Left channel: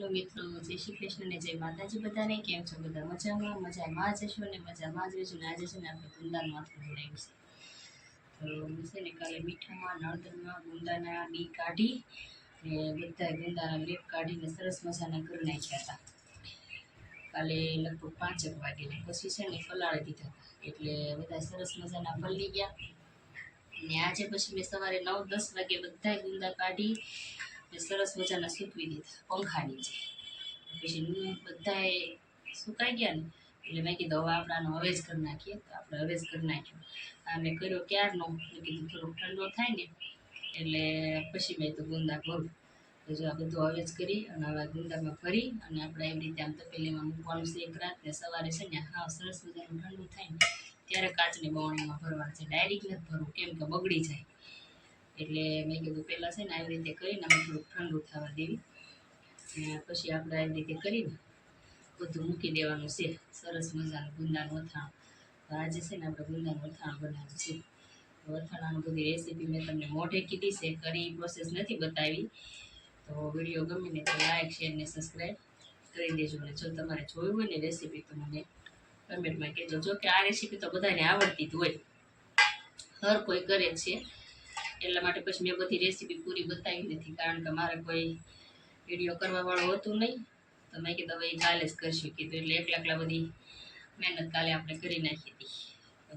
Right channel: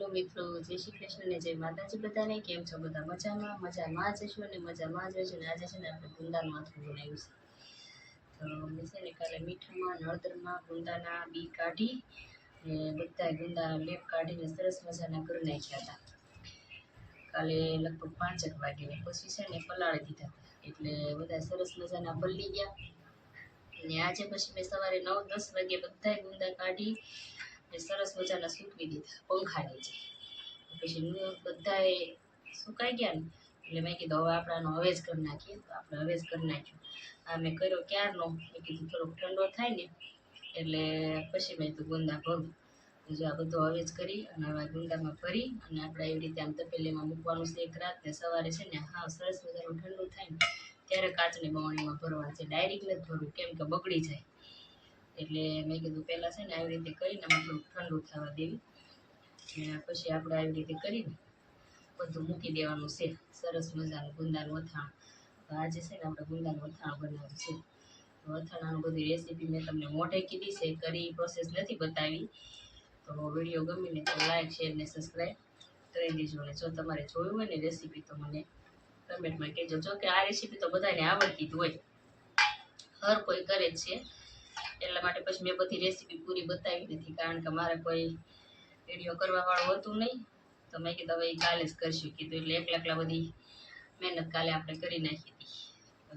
Hello મિત્રો, જય શ્રી કૃષ્ણ ને જય માતાજી બધાને. કેમ છો બધા? મજામાં જશો ને મજામાં જ રહેજો ને. આજે છે ને આપણે ગુંદાનું માથું બનાવ્યું છે. તો મેં છે ને કાલે મીઠામાં હળદરમાં ગુંદાના બી કાઢી ને બધા ગુંદાના લેપ કાઢીને સરસ મજાના કરી નાખ્યા હતા કાલે લગભગ 5 વાગે. ને પછી છે ને પલાળી દીધા હતા એટલે બધા સરસ મજાના પલળી ગયા. ને આજે પછી મેં સવારે 9-10 વાગે બધા ગુંદા કાઢી સરસ મજાના સૂકવી દીધા પંખા નીચે. પછી બધાએ સુકાઈ ગયા ને એટલે મેં કીધું હવે આપણે આનો હવેજ કરી નાખીએ. તો આપણે હવેજ કરી નાખ્યો. આ મેં કર્યો ક્યારનો, મેં કીધું થોડોક ઠંડો થાય ને એટલે પછી મેં તો ગુંદા કરું. તો જો આ બધું હવેજ કરી અને હવે ગુંદામાં ભરી અને આપણે એવી રીતે આમ તપેલીમાં મૂકવાનું છે એક રાત. ને સવારે છે ને હા સરસ મજાનું ઠંડુ થાય ને ત્યારે કાચની બવણીમાં ભરવાનું છે. ડાયરેક્ટ નથી ભરવું કેમ કે બગડી જાય. એટલે મેં કીધું પહેલાં છે ને આવી રીતે કરીને આમાં થોડુંક ઠંડુ થવા દેવી. પછી આપણે આવી રીતે કરીને બધું મૂકી દેવાનું છે. સરસ મજાનું ગુંદાનું અથાણું. તો આજે છે ને આપણે ગુંદાનું અથાણું બનાવ્યું છે. અથાણાનું બધી રેસીપી મેં તમને મોઢે કીધી છે, કરી પ્રોસેસ નથી બતાવી. તો વિડીયો ગમીને તો લાઈક શેર ને સબસ્ક્રાઈબ કરી દેજો. અને જો તમારે જોયું હોય ને રેસીપી તો મને કમેન્ટમાં કહેજો. જો કે આ રેસીપી તો બધાને આવડતી જ હોય, હર કોઈ કરે જ છે. એટલા માટે પછી મેં બધી રેસીપી પૂરી બતાવી નથી, કારણ કે મારે કોઈ વિડીયો કરવા વાળું હતું નહીં. તો મેં કીધું હવે કાલે જ કરશું કીધું. એટલે એકલા બધી મહેનત કાલે આપણે કરી નાખી હતી.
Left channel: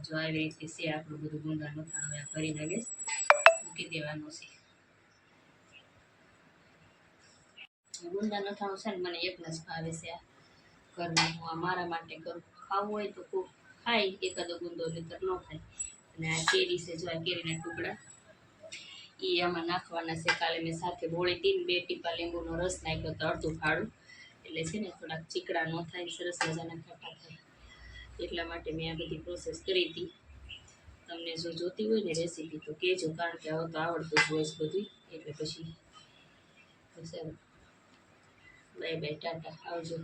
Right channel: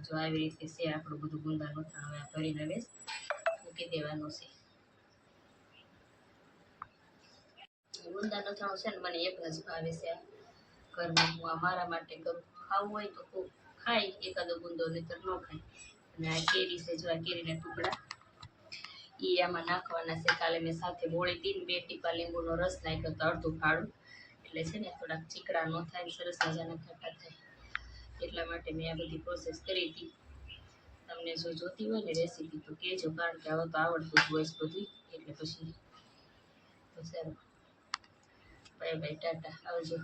જો આવી રીતે છે આપણું બધું ગુંદાનું અથાણું. હવે આ ભરીને હવે મૂકી દેવાનું છે. ગુંદાનું અથાણું છે ને મને એકને જ ભાવે છે. આ ઘરમાં હું આ મારા માટે કરું. ખાવું હોય તો ખૂબ ખાય એકાદો ગુંદો, નહીતર ન ખાય. અને આ કેરી છે, જો આ કેરીના ટુકડા એ આમાં નાખવાના છે. કાલે મેં સાથે બોળી હતી ને 2 ટીપા લીંબુનો રસ નાખ્યો તો અડધું ફાળું. એટલે છે ને થોડાક ચીકડા ન થાય, સરસ મજાના ખાટા થાય. એટલા માટે મેં આ બધી પ્રોસેસ કરી હતી. તમને જો જોતી હોય ને રેસીપી તો કહેજો, કારણ કે હવે તો આવડતું જ હોય બધું. એટલે પછી સારું, બાય બાય, ટાટા, આવજો.